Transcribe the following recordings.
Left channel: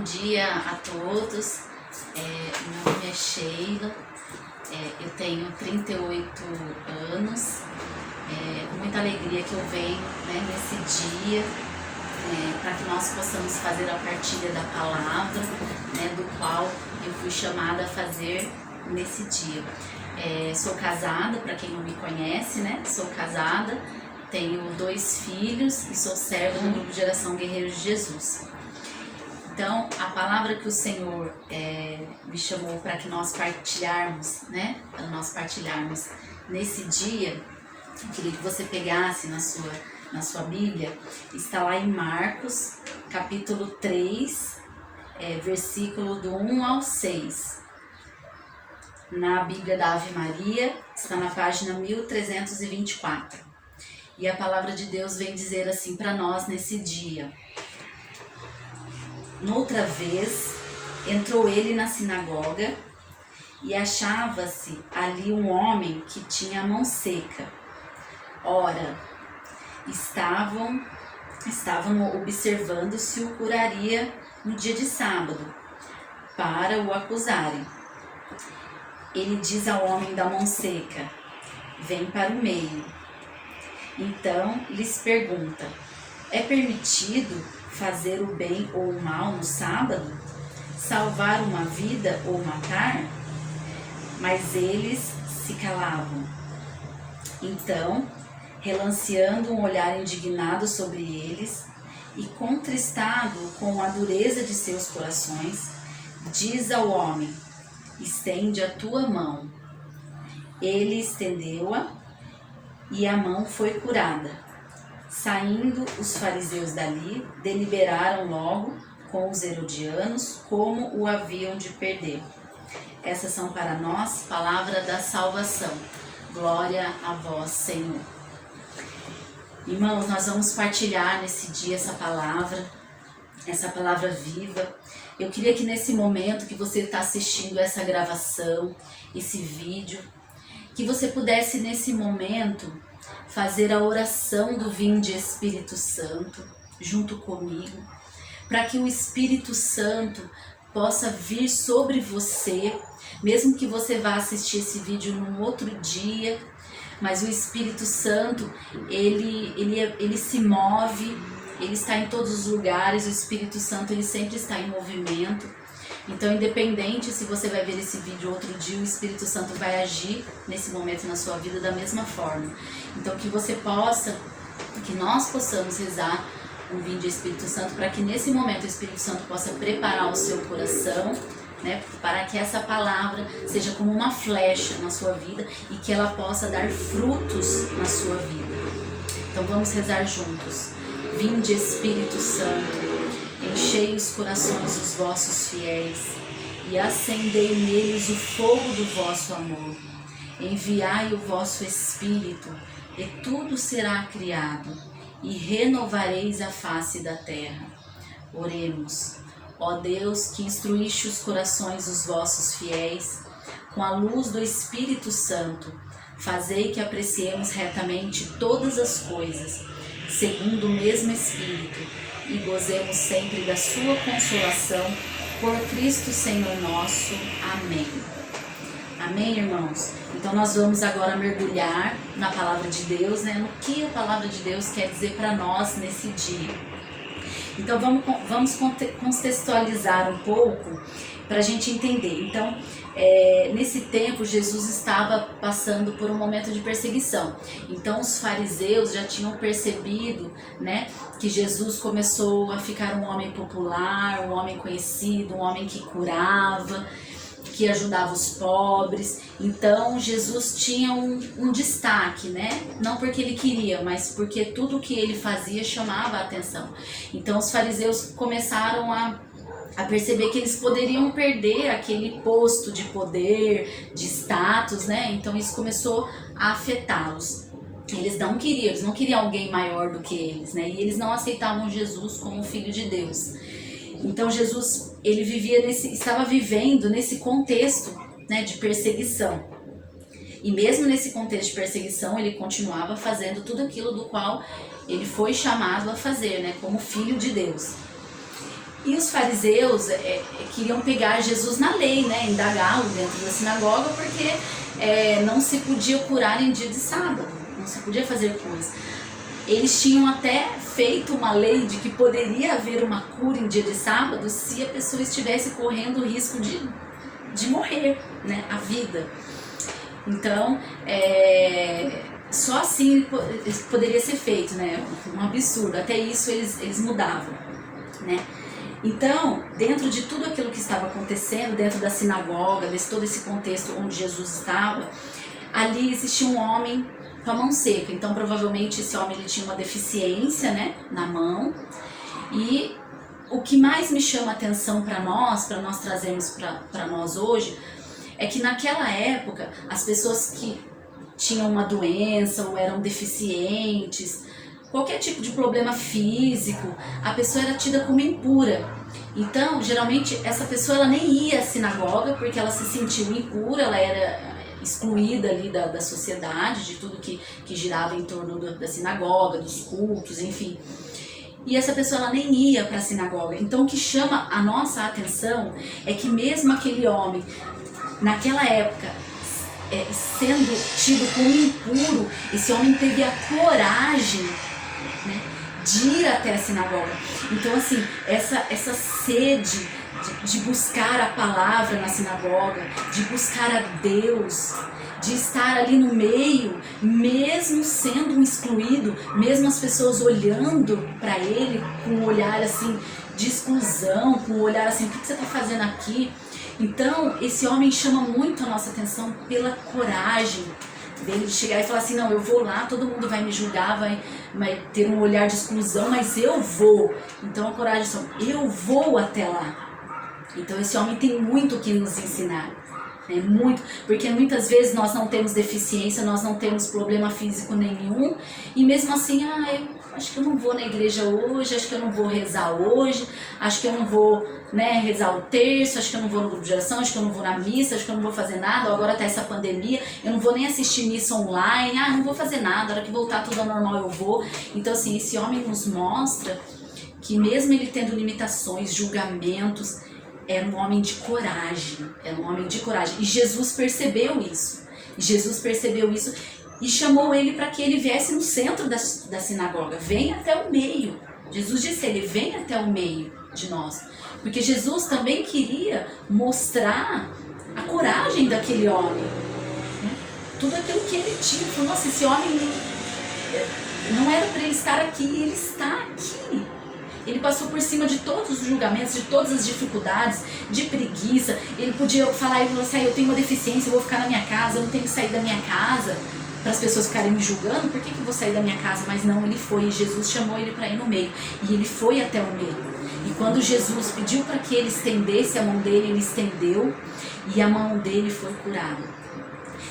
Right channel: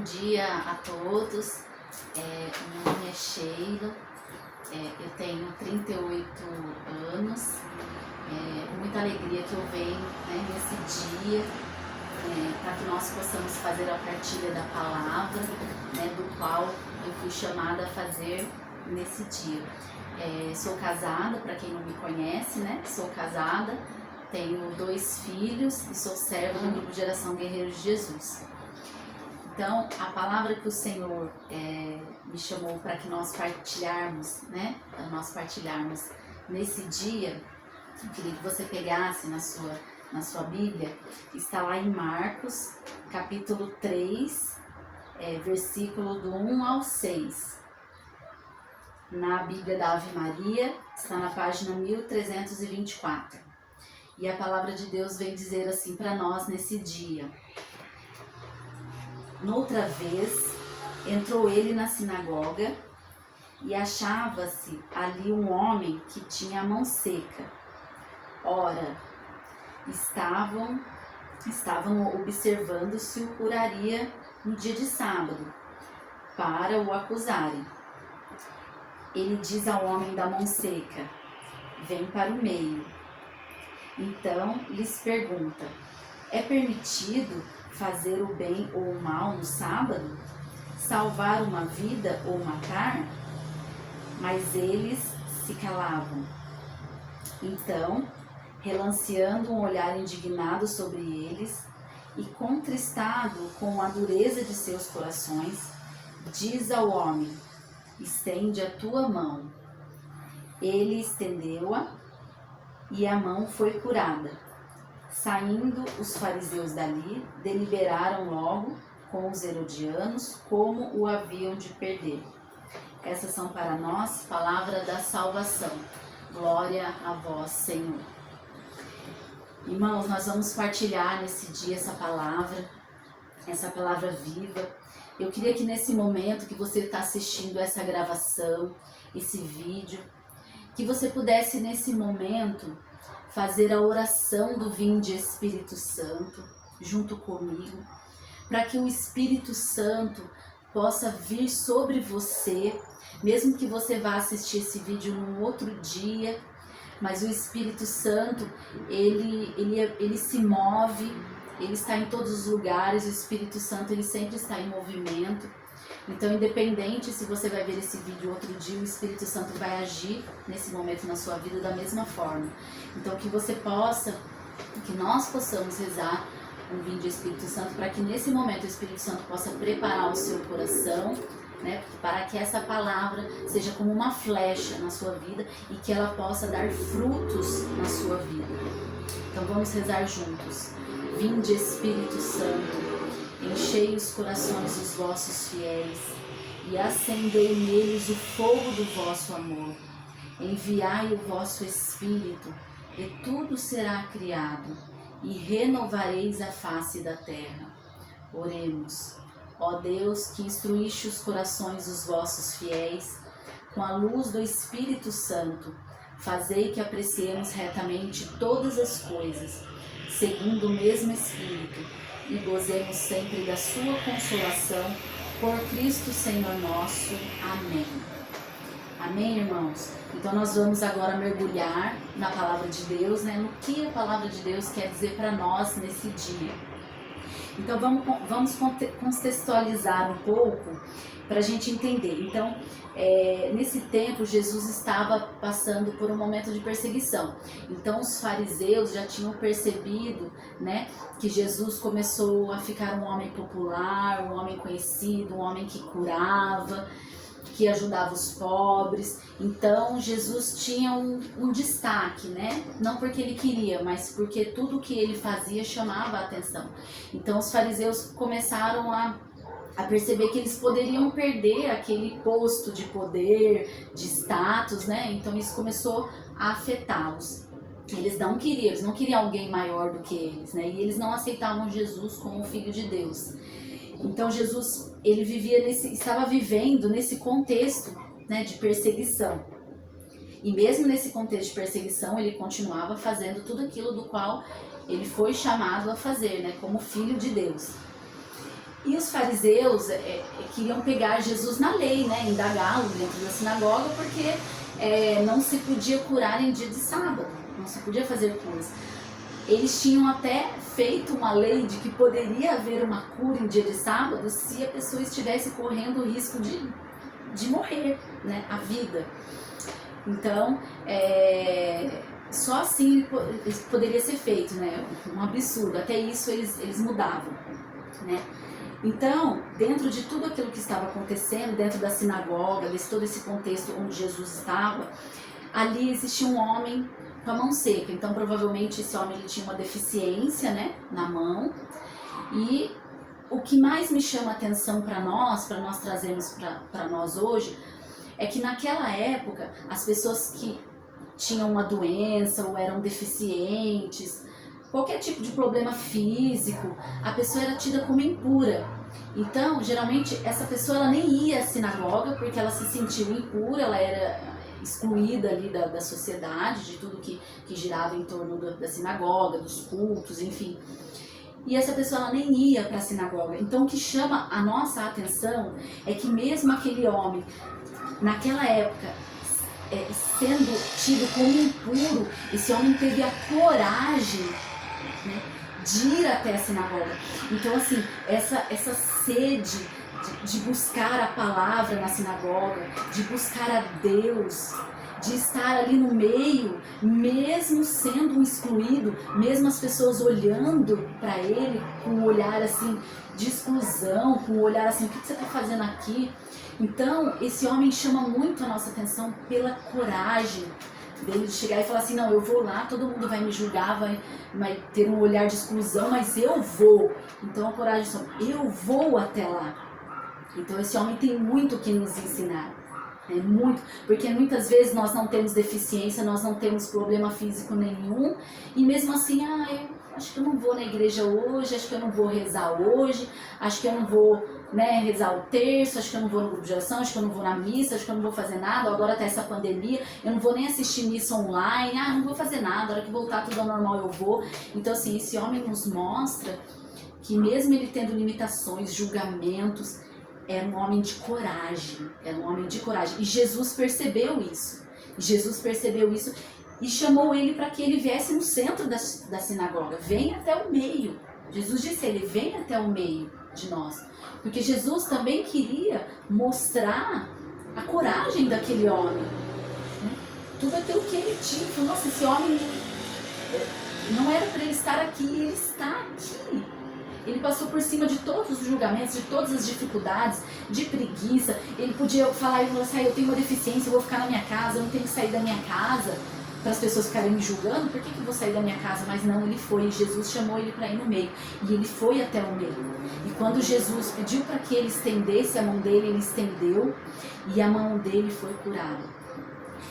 Bom dia a todos, meu nome é Sheila, eu tenho 38 anos, com muita alegria que eu venho nesse dia, para que nós possamos fazer a partilha da palavra, do qual eu fui chamada a fazer nesse dia. Sou casada, para quem não me conhece, sou casada, tenho 2 filhos e sou serva do grupo Geração Guerreiros de Jesus. Então, a palavra que o Senhor me chamou para que nós partilharmos, para nós partilharmos nesse dia, eu queria que você pegasse na sua Bíblia, está lá em Marcos, capítulo 3, versículo do 1 ao 6. Na Bíblia da Ave Maria, está na página 1324. E a palavra de Deus vem dizer assim para nós nesse dia: Noutra vez, entrou ele na sinagoga e achava-se ali um homem que tinha a mão seca. Ora, estavam observando se o curaria no dia de sábado, para o acusarem. Ele diz ao homem da mão seca: vem para o meio. Então lhes pergunta: é permitido fazer o bem ou o mal no sábado? Salvar uma vida ou matar? Mas eles se calavam. Então, relanceando um olhar indignado sobre eles e contristado com a dureza de seus corações, diz ao homem: estende a tua mão. Ele estendeu-a e a mão foi curada. Saindo os fariseus dali, deliberaram logo com os herodianos como o haviam de perder. Essas são para nós palavra da salvação. Glória a vós, Senhor. Irmãos, nós vamos partilhar nesse dia essa palavra viva. Eu queria que nesse momento que você está assistindo essa gravação, esse vídeo, que você pudesse nesse momento fazer a oração do Vinde Espírito Santo junto comigo, para que o Espírito Santo possa vir sobre você, mesmo que você vá assistir esse vídeo num outro dia, mas o Espírito Santo, ele se move, ele está em todos os lugares, o Espírito Santo ele sempre está em movimento. Então, independente se você vai ver esse vídeo outro dia, o Espírito Santo vai agir nesse momento na sua vida da mesma forma. Então, que nós possamos rezar o Vinde Espírito Santo, para que nesse momento o Espírito Santo possa preparar o seu coração, para que essa palavra seja como uma flecha na sua vida e que ela possa dar frutos na sua vida. Então, vamos rezar juntos. Vinde Espírito Santo, enchei os corações dos vossos fiéis e acendei neles o fogo do vosso amor. Enviai o vosso Espírito e tudo será criado e renovareis a face da terra. Oremos. Ó Deus, que instruíste os corações dos vossos fiéis com a luz do Espírito Santo, fazei que apreciemos retamente todas as coisas, segundo o mesmo Espírito, e gozemos sempre da sua consolação, por Cristo Senhor nosso. Amém. Amém, irmãos? Então nós vamos agora mergulhar na palavra de Deus, no que a palavra de Deus quer dizer para nós nesse dia. Então vamos contextualizar um pouco para a gente entender. Então, nesse tempo, Jesus estava passando por um momento de perseguição. Então, os fariseus já tinham percebido, que Jesus começou a ficar um homem popular, um homem conhecido, um homem que curava, que ajudava os pobres. Então, Jesus tinha um destaque, Não porque ele queria, mas porque tudo que ele fazia chamava a atenção. Então, os fariseus começaram a perceber que eles poderiam perder aquele posto de poder, de status, Então isso começou a afetá-los. Eles não queriam alguém maior do que eles, E eles não aceitavam Jesus como filho de Deus. Então Jesus, ele estava vivendo nesse contexto, de perseguição. E mesmo nesse contexto de perseguição, ele continuava fazendo tudo aquilo do qual ele foi chamado a fazer, como filho de Deus. E os fariseus queriam pegar Jesus na lei, né? Indagá-lo dentro da sinagoga, porque não se podia curar em dia de sábado, não se podia fazer curas. Eles tinham até feito uma lei de que poderia haver uma cura em dia de sábado se a pessoa estivesse correndo o risco de morrer, né? A vida. Então, só assim poderia ser feito, né? Um absurdo. Até isso eles mudavam, né? Então, dentro de tudo aquilo que estava acontecendo, dentro da sinagoga, todo esse contexto onde Jesus estava, ali existia um homem com a mão seca. Então, provavelmente, esse homem ele tinha uma deficiência, né, na mão. E o que mais me chama a atenção para nós trazermos para nós hoje, é que naquela época, as pessoas que tinham uma doença ou eram deficientes, qualquer tipo de problema físico, a pessoa era tida como impura. Então, geralmente, essa pessoa ela nem ia à sinagoga porque ela se sentiu impura, ela era excluída ali da sociedade, de tudo que girava em torno da sinagoga, dos cultos, enfim. E essa pessoa ela nem ia para a sinagoga. Então, o que chama a nossa atenção é que mesmo aquele homem, naquela época, sendo tido como impuro, esse homem teve a coragem, né, de ir até a sinagoga. Então, assim, essa sede de buscar a palavra na sinagoga, de buscar a Deus, de estar ali no meio, mesmo sendo um excluído, mesmo as pessoas olhando para ele com um olhar assim de exclusão, com um olhar assim, o que você está fazendo aqui? Então, esse homem chama muito a nossa atenção pela coragem dele de chegar e falar assim, não, eu vou lá, todo mundo vai me julgar, vai ter um olhar de exclusão, mas eu vou. Então a coragem é, eu vou até lá. Então esse homem tem muito o que nos ensinar, né? Muito, porque muitas vezes nós não temos deficiência, nós não temos problema físico nenhum, e mesmo assim, eu acho que eu não vou na igreja hoje, acho que eu não vou rezar hoje, acho que eu não vou, né, rezar o terço, acho que eu não vou no grupo de oração, acho que eu não vou na missa, acho que eu não vou fazer nada, agora tá essa pandemia, eu não vou nem assistir missa online, não vou fazer nada, a hora que voltar tudo ao normal eu vou. Então assim, esse homem nos mostra que mesmo ele tendo limitações, julgamentos, era um homem de coragem, e Jesus percebeu isso, e chamou ele para que ele viesse no centro da sinagoga, venha até o meio. Jesus disse a ele, vem até o meio de nós, porque Jesus também queria mostrar a coragem daquele homem, né? Tudo aquilo que ele tinha, falou, nossa, esse homem não era para ele estar aqui, ele está aqui. Ele passou por cima de todos os julgamentos, de todas as dificuldades, de preguiça. Ele podia falar, ele falou assim, eu tenho uma deficiência, eu vou ficar na minha casa, eu não tenho que sair da minha casa, para as pessoas ficarem me julgando, por que eu vou sair da minha casa? Mas não, ele foi, e Jesus chamou ele para ir no meio, e ele foi até o meio. E quando Jesus pediu para que ele estendesse a mão dele, ele estendeu, e a mão dele foi curada.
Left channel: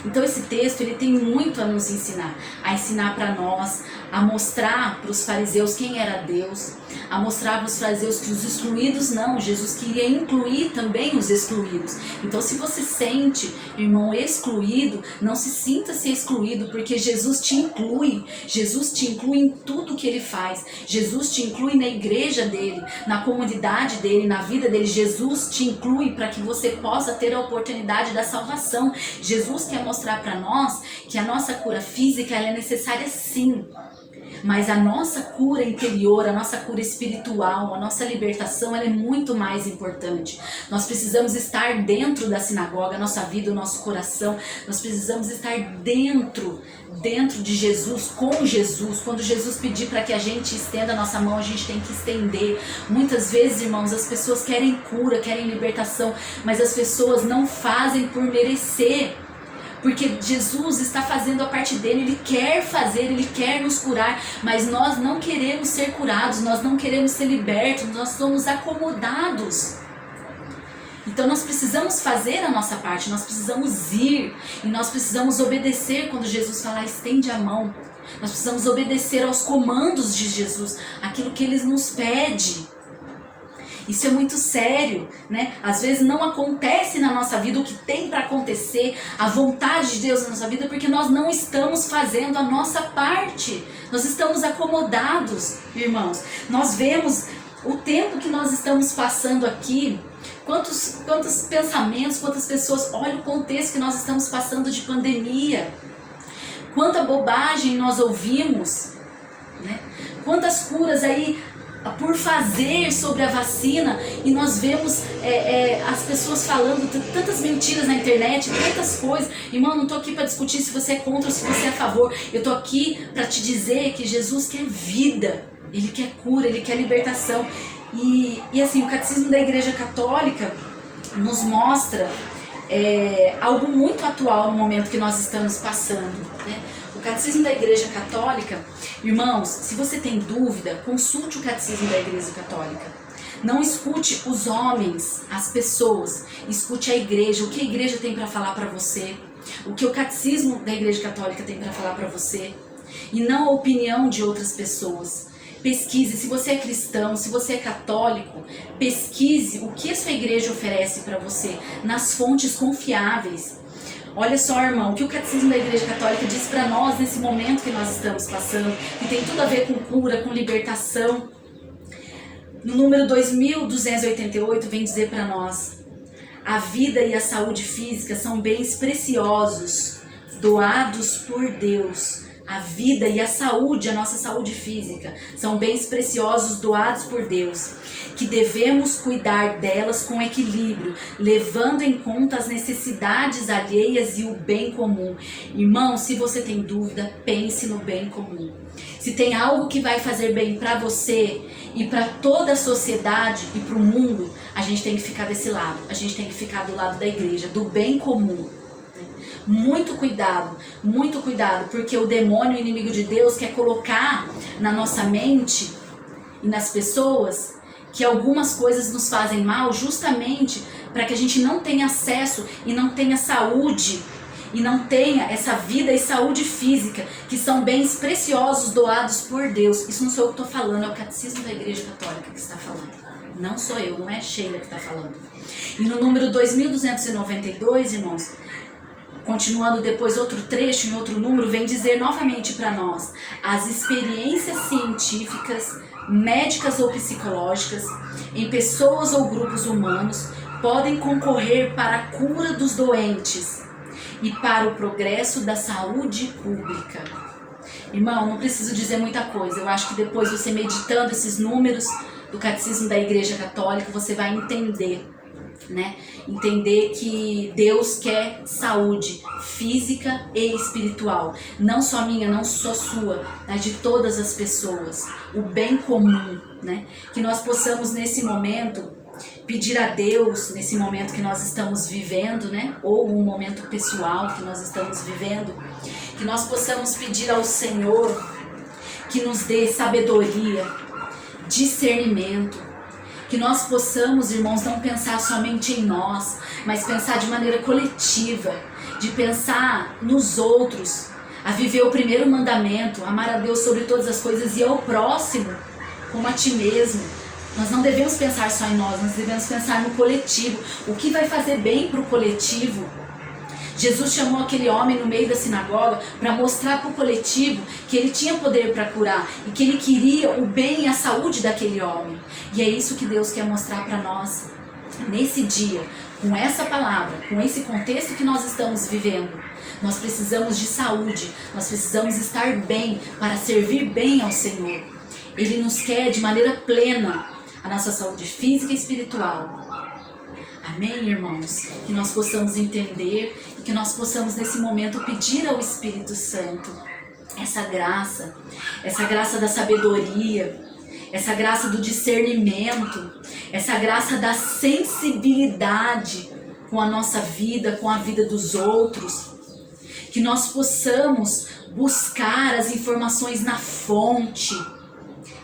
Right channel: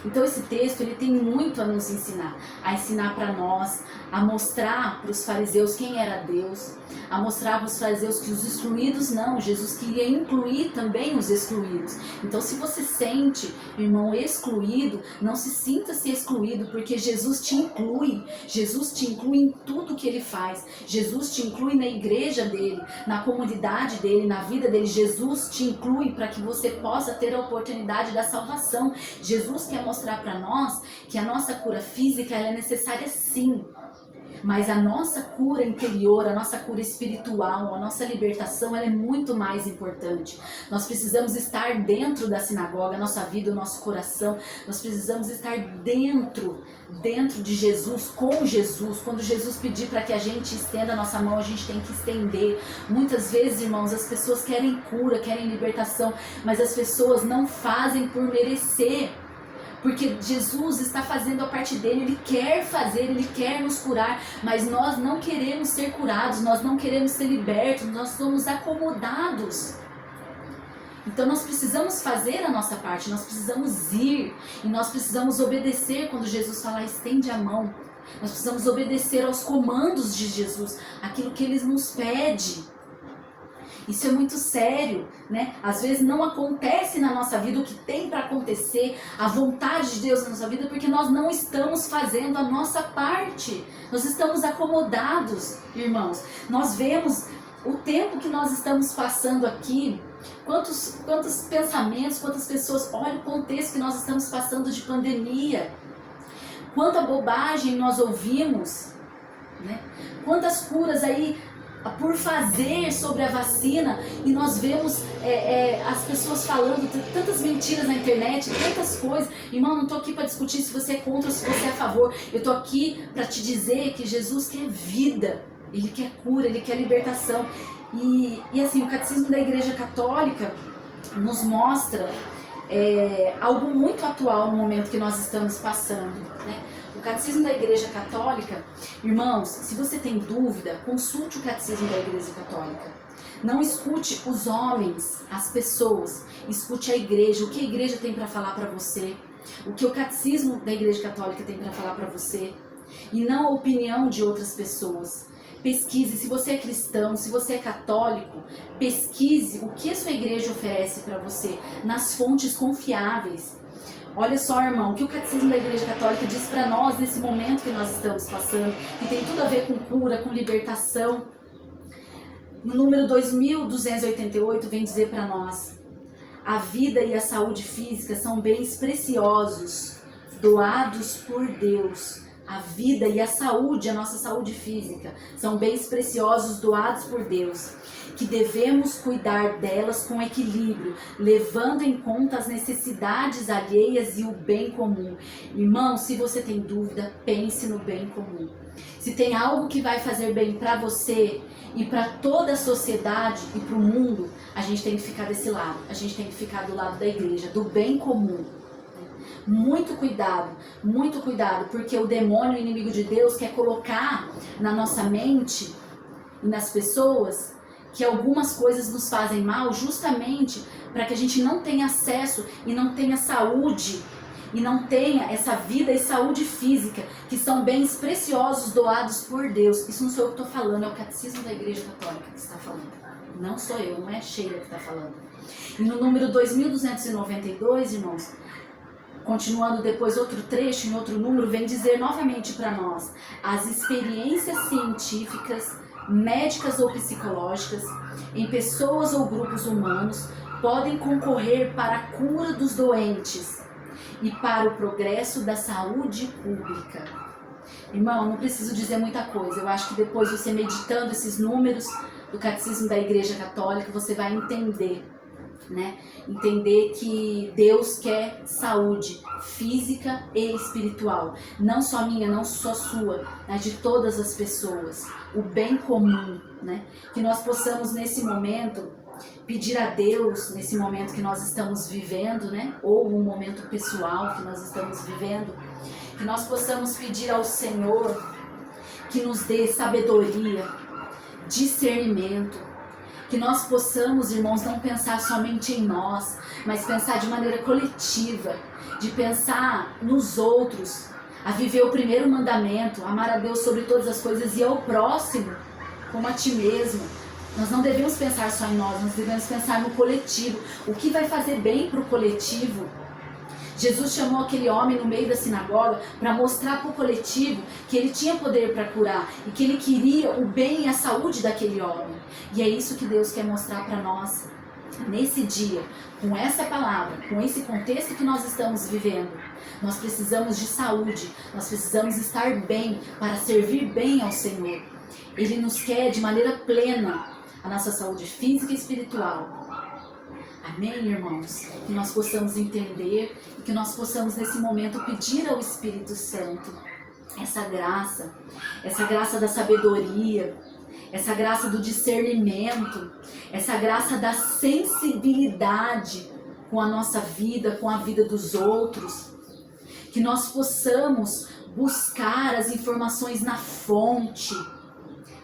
Então esse texto ele tem muito a nos ensinar para nós, a mostrar para os fariseus quem era Deus, a mostrar para os fariseus que os excluídos não, Jesus queria incluir também os excluídos. Então se você sente, irmão, excluído, não se sinta se excluído, porque Jesus te inclui em tudo que ele faz, Jesus te inclui na igreja dele, na comunidade dele, na vida dele, Jesus te inclui para que você possa ter a oportunidade da salvação. Jesus quer mostrar para nós que a nossa cura física ela é necessária sim, mas a nossa cura interior, a nossa cura espiritual, a nossa libertação, ela é muito mais importante. Nós precisamos estar dentro da sinagoga, a nossa vida, o nosso coração, nós precisamos estar dentro de Jesus, com Jesus. Quando Jesus pedir para que a gente estenda a nossa mão, a gente tem que estender. Muitas vezes, irmãos, as pessoas querem cura, querem libertação, mas as pessoas não fazem por merecer. Porque Jesus está fazendo a parte dele, ele quer fazer, ele quer nos curar, mas nós não queremos ser curados, nós não queremos ser libertos, nós somos acomodados. Então nós precisamos fazer a nossa parte, nós precisamos ir e nós precisamos obedecer quando Jesus falar estende a mão. Nós precisamos obedecer aos comandos de Jesus, aquilo que ele nos pede. Isso é muito sério, né? Às vezes não acontece na nossa vida o que tem para acontecer, a vontade de Deus na nossa vida, porque nós não estamos fazendo a nossa parte. Nós estamos acomodados, irmãos. Nós vemos o tempo que nós estamos passando aqui, quantos pensamentos, quantas pessoas, olha o contexto que nós estamos passando de pandemia, quanta bobagem nós ouvimos, né? Quantas curas aí por fazer sobre a vacina, e nós vemos as pessoas falando tantas mentiras na internet, tantas coisas. Irmão, não tô aqui para discutir se você é contra ou se você é a favor. Eu tô aqui para te dizer que Jesus quer vida, Ele quer cura, Ele quer libertação. E assim, o Catecismo da Igreja Católica nos mostra algo muito atual no momento que nós estamos passando, né? O Catecismo da Igreja Católica, irmãos, se você tem dúvida, consulte o Catecismo da Igreja Católica. Não escute os homens, as pessoas, escute a igreja, o que a igreja tem para falar para você, o que o Catecismo da Igreja Católica tem para falar para você, e não a opinião de outras pessoas. Pesquise, se você é cristão, se você é católico, pesquise o que a sua igreja oferece para você nas fontes confiáveis. Olha só, irmão, o que o Catecismo da Igreja Católica diz para nós nesse momento que nós estamos passando, que tem tudo a ver com cura, com libertação. No número 2288 vem dizer para nós: a vida e a saúde física são bens preciosos, doados por Deus. A vida e a saúde, a nossa saúde física, são bens preciosos doados por Deus, que devemos cuidar delas com equilíbrio, levando em conta as necessidades alheias e o bem comum. Irmão, se você tem dúvida, pense no bem comum. Se tem algo que vai fazer bem para você e para toda a sociedade e para o mundo, a gente tem que ficar desse lado, a gente tem que ficar do lado da igreja, do bem comum. Muito cuidado, porque o demônio, o inimigo de Deus, quer colocar na nossa mente e nas pessoas que algumas coisas nos fazem mal, justamente para que a gente não tenha acesso e não tenha saúde, e não tenha essa vida e saúde física, que são bens preciosos doados por Deus. Isso não sou eu que estou falando, é o Catecismo da Igreja Católica que está falando. Não sou eu, não é Sheila que está falando. E no número 2292, irmãos, continuando depois outro trecho, em outro número, vem dizer novamente para nós: as experiências científicas, médicas ou psicológicas, em pessoas ou grupos humanos, podem concorrer para a cura dos doentes e para o progresso da saúde pública. Irmão, não preciso dizer muita coisa. Eu acho que depois, você meditando esses números do Catecismo da Igreja Católica, você vai entender, né? Entender que Deus quer saúde física e espiritual, não só minha, não só sua, mas de todas as pessoas, o bem comum, né? Que nós possamos nesse momento pedir a Deus, nesse momento que nós estamos vivendo, né? Ou um momento pessoal que nós estamos vivendo, que nós possamos pedir ao Senhor que nos dê sabedoria, discernimento, que nós possamos, irmãos, não pensar somente em nós, mas pensar de maneira coletiva, de pensar nos outros, a viver o primeiro mandamento, amar a Deus sobre todas as coisas e ao próximo como a ti mesmo. Nós não devemos pensar só em nós devemos pensar no coletivo, o que vai fazer bem para o coletivo. Jesus chamou aquele homem no meio da sinagoga para mostrar para o coletivo que ele tinha poder para curar e que ele queria o bem e a saúde daquele homem. E é isso que Deus quer mostrar para nós nesse dia, com essa palavra, com esse contexto que nós estamos vivendo. Nós precisamos de saúde, nós precisamos estar bem para servir bem ao Senhor. Ele nos quer de maneira plena a nossa saúde física e espiritual. Amém, irmãos? Que nós possamos entender e que nós possamos nesse momento pedir ao Espírito Santo essa graça da sabedoria, essa graça do discernimento, essa graça da sensibilidade com a nossa vida, com a vida dos outros. Que nós possamos buscar as informações na fonte.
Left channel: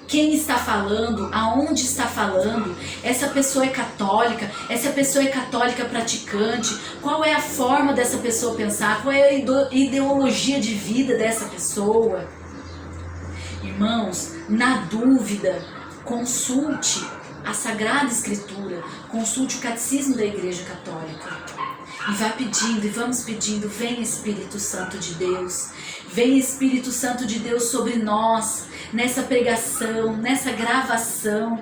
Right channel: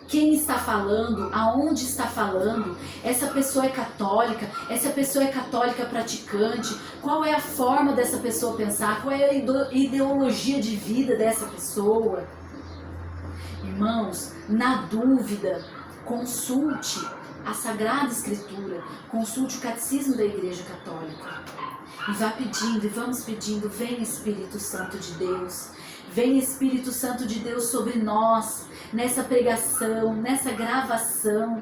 Quem está falando, aonde está falando, essa pessoa é católica, essa pessoa é católica praticante, qual é a forma dessa pessoa pensar, qual é a ideologia de vida dessa pessoa. Irmãos, na dúvida, consulte a Sagrada Escritura, consulte o Catecismo da Igreja Católica. E vá pedindo, e vamos pedindo: vem Espírito Santo de Deus, vem Espírito Santo de Deus sobre nós, nessa pregação, nessa gravação.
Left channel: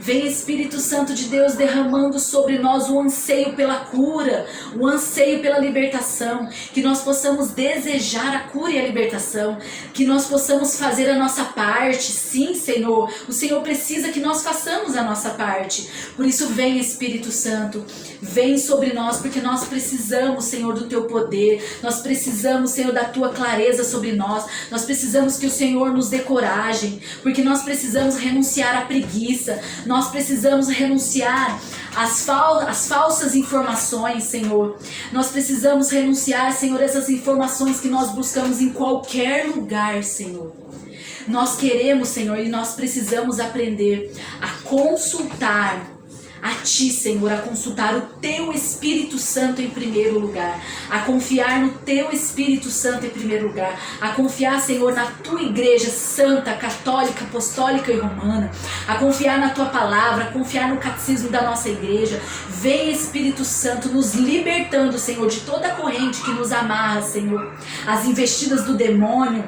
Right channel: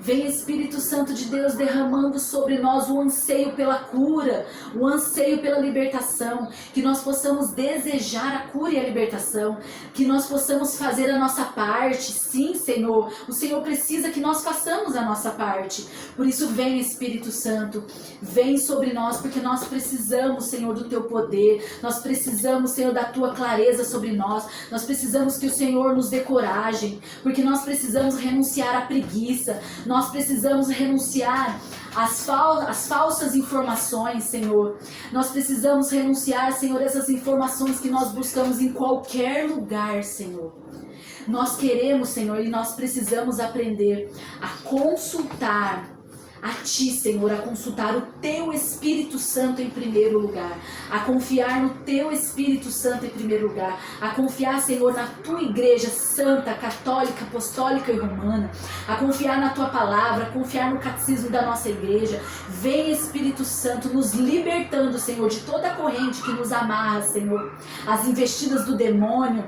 Vem Espírito Santo de Deus derramando sobre nós o anseio pela cura, o anseio pela libertação, que nós possamos desejar a cura e a libertação, que nós possamos fazer a nossa parte. Sim, Senhor, o Senhor precisa que nós façamos a nossa parte. Por isso vem Espírito Santo, vem sobre nós, porque nós precisamos, Senhor, do Teu poder, nós precisamos, Senhor, da Tua clareza sobre nós, nós precisamos que o Senhor nos dê coragem, porque nós precisamos renunciar à preguiça, nós precisamos renunciar às falsas informações, Senhor. Nós precisamos renunciar, Senhor, essas informações que nós buscamos em qualquer lugar, Senhor. Nós queremos, Senhor, e nós precisamos aprender a consultar a Ti, Senhor, a consultar o Teu Espírito Santo em primeiro lugar, a confiar no Teu Espírito Santo em primeiro lugar, a confiar, Senhor, na Tua Igreja Santa, Católica, Apostólica e Romana, a confiar na Tua Palavra, a confiar no catecismo da nossa Igreja. Vem Espírito Santo nos libertando, Senhor, de toda a corrente que nos amarra, Senhor, as investidas do demônio,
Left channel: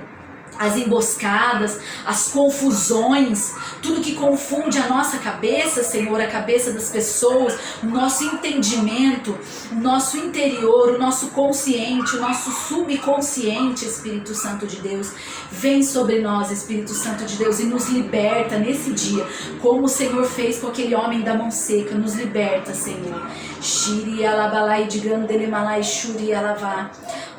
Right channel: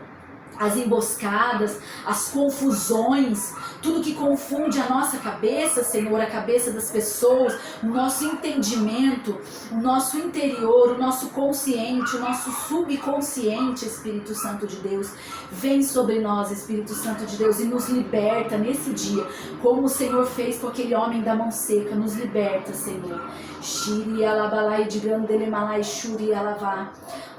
as emboscadas, as confusões, tudo que confunde a nossa cabeça, Senhor, a cabeça das pessoas, o nosso entendimento, o nosso interior, o nosso consciente, o nosso subconsciente, Espírito Santo de Deus. Vem sobre nós, Espírito Santo de Deus, e nos liberta nesse dia, como o Senhor fez com aquele homem da mão seca. Nos liberta, Senhor. Shiri alabalai digandele malai shuri alavá.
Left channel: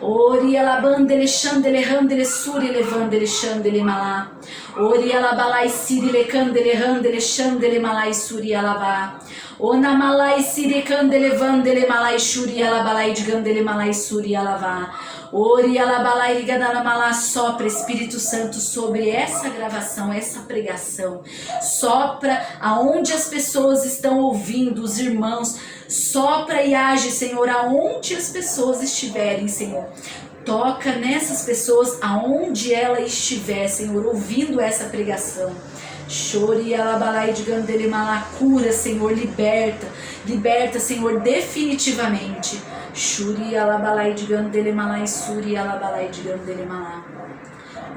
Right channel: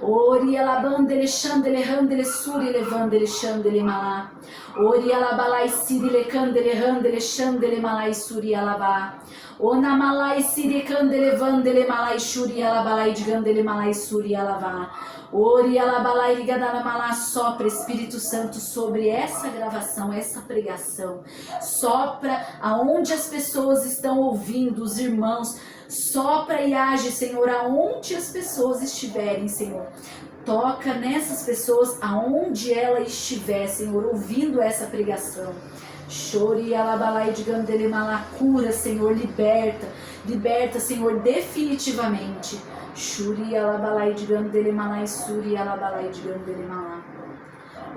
Ori alabandele chandele handele suri levandele chandele malá. Ori alabalai siri lecandele handele chandele malai suri alavá. Ona malai siri candele vandele malai shuri alabalai digandele malai suri alavá. Ori alabalai ligadala malá. Sopra, Espírito Santo, sobre essa gravação, essa pregação. Sopra aonde as pessoas estão ouvindo, os irmãos. Sopra e age, Senhor, aonde as pessoas estiverem, Senhor. Toca nessas pessoas aonde ela estiver, Senhor, ouvindo essa pregação. Chore alabalai de gandele malá. Cura, Senhor, liberta. Liberta, Senhor, definitivamente. Shuri alabalai de gandele malá. Suri alabalai de gandele malá.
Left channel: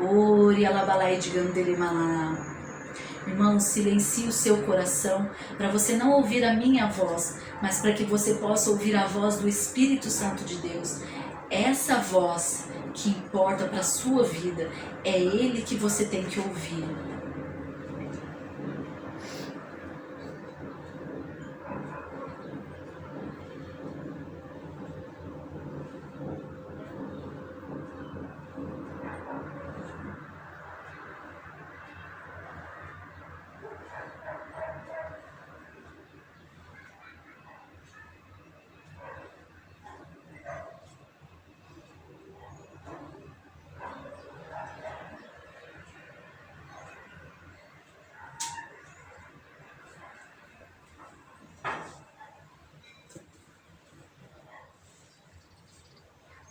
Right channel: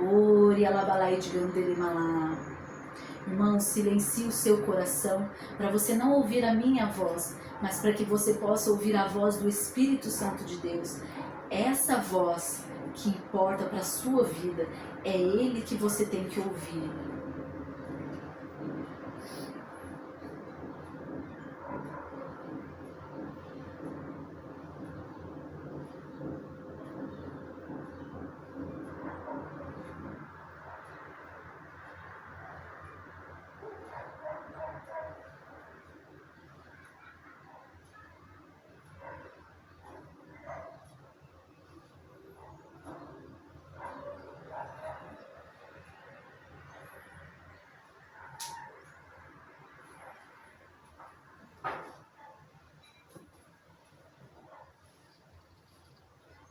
Ori alabalai de gandele malá. Irmão, silencie o seu coração para você não ouvir a minha voz, mas para que você possa ouvir a voz do Espírito Santo de Deus. Essa voz que importa para a sua vida, é Ele que você tem que ouvir.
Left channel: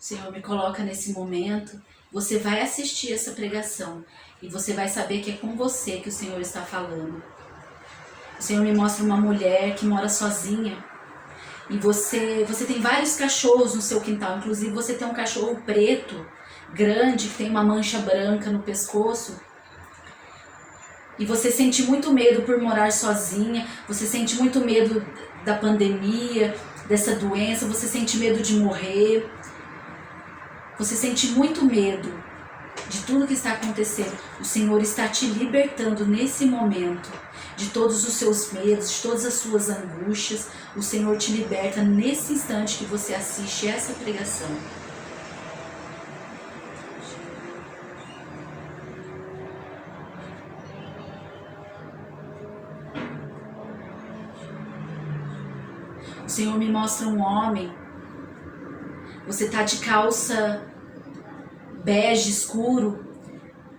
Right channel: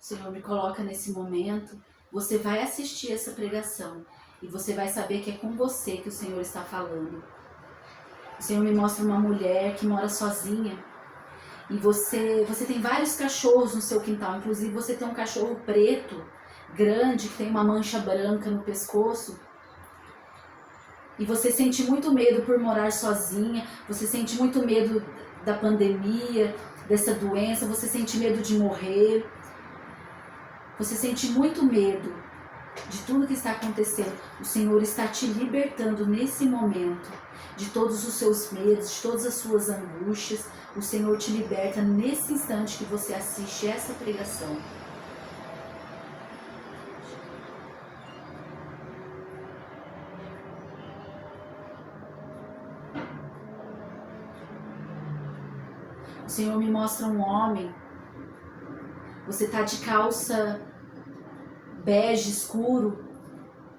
Senhor, me coloca nesse momento. Você vai assistir essa pregação e você vai saber que é com você que o Senhor está falando. O Senhor me mostra uma mulher que mora sozinha e você tem vários cachorros no seu quintal. Inclusive você tem um cachorro preto, grande, que tem uma mancha branca no pescoço. E você sente muito medo por morar sozinha, você sente muito medo da pandemia, dessa doença, você sente medo de morrer. Você sente muito medo de tudo que está acontecendo. O Senhor está te libertando nesse momento de todos os seus medos, de todas as suas angústias. O Senhor te liberta nesse instante que você assiste essa pregação. O Senhor me mostra um homem. Você está de calça bege escuro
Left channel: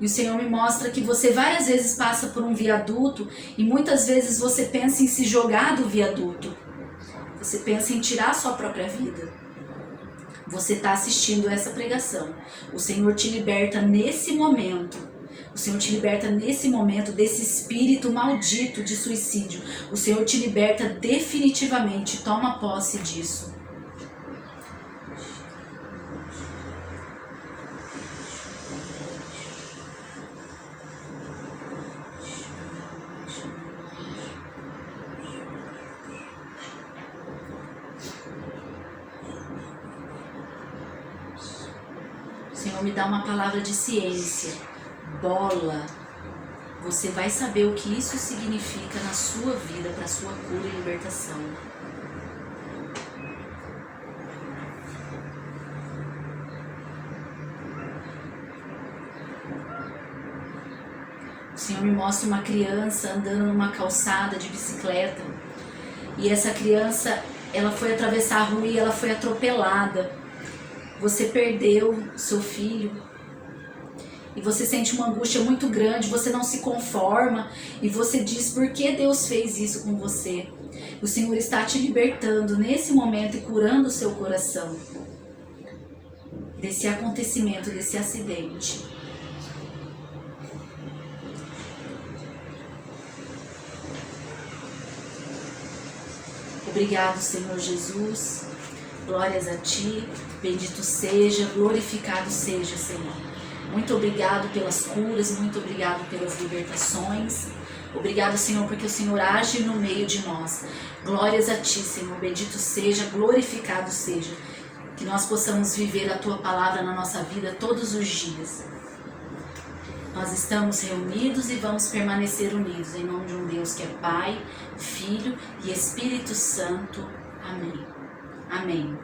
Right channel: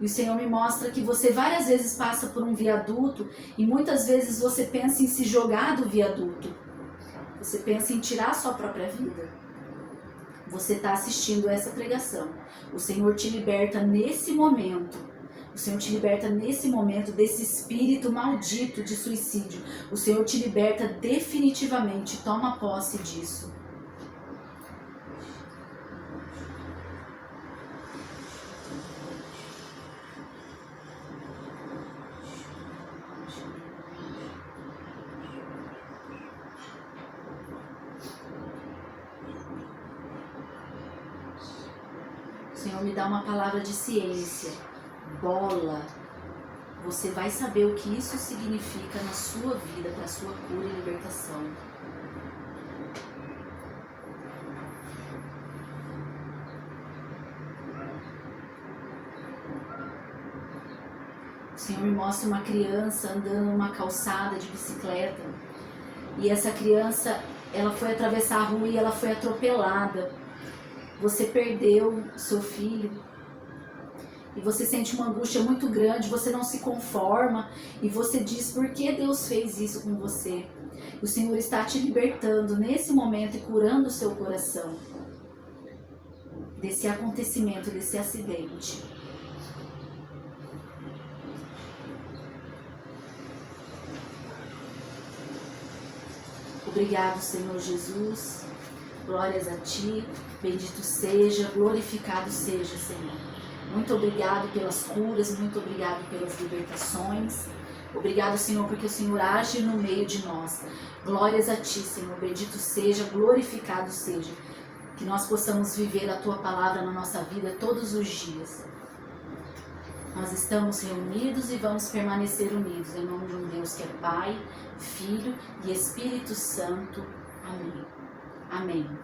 e o Senhor me mostra que você várias vezes passa por um viaduto e muitas vezes você pensa em se jogar do viaduto. Você pensa em tirar a sua própria vida. Você está assistindo essa pregação. O Senhor te liberta nesse momento. O Senhor te liberta nesse momento desse espírito maldito de suicídio. O Senhor te liberta definitivamente. Toma posse disso. Senhor, me dá uma palavra de ciência. Bola. Você vai saber o que isso significa na sua vida, para a sua cura e libertação. O Senhor me mostra uma criança andando numa calçada de bicicleta. E essa criança, ela foi atravessar a rua e ela foi atropelada. Você perdeu seu filho. E você sente uma angústia muito grande, você não se conforma. E você diz, por que Deus fez isso com você? O Senhor está te libertando nesse momento e curando o seu coração. Desse acontecimento, desse acidente. Obrigado, Senhor Jesus. Glórias a Ti. Bendito seja, glorificado seja, Senhor. Muito obrigado pelas curas, muito obrigado pelas libertações. Obrigado, Senhor, porque o Senhor age no meio de nós. Glórias a Ti, Senhor. Bendito seja, glorificado seja. Que nós possamos viver a Tua palavra na nossa vida todos os dias. Nós estamos reunidos e vamos permanecer unidos em nome de um Deus que é Pai, Filho e Espírito Santo. Amém. Amém.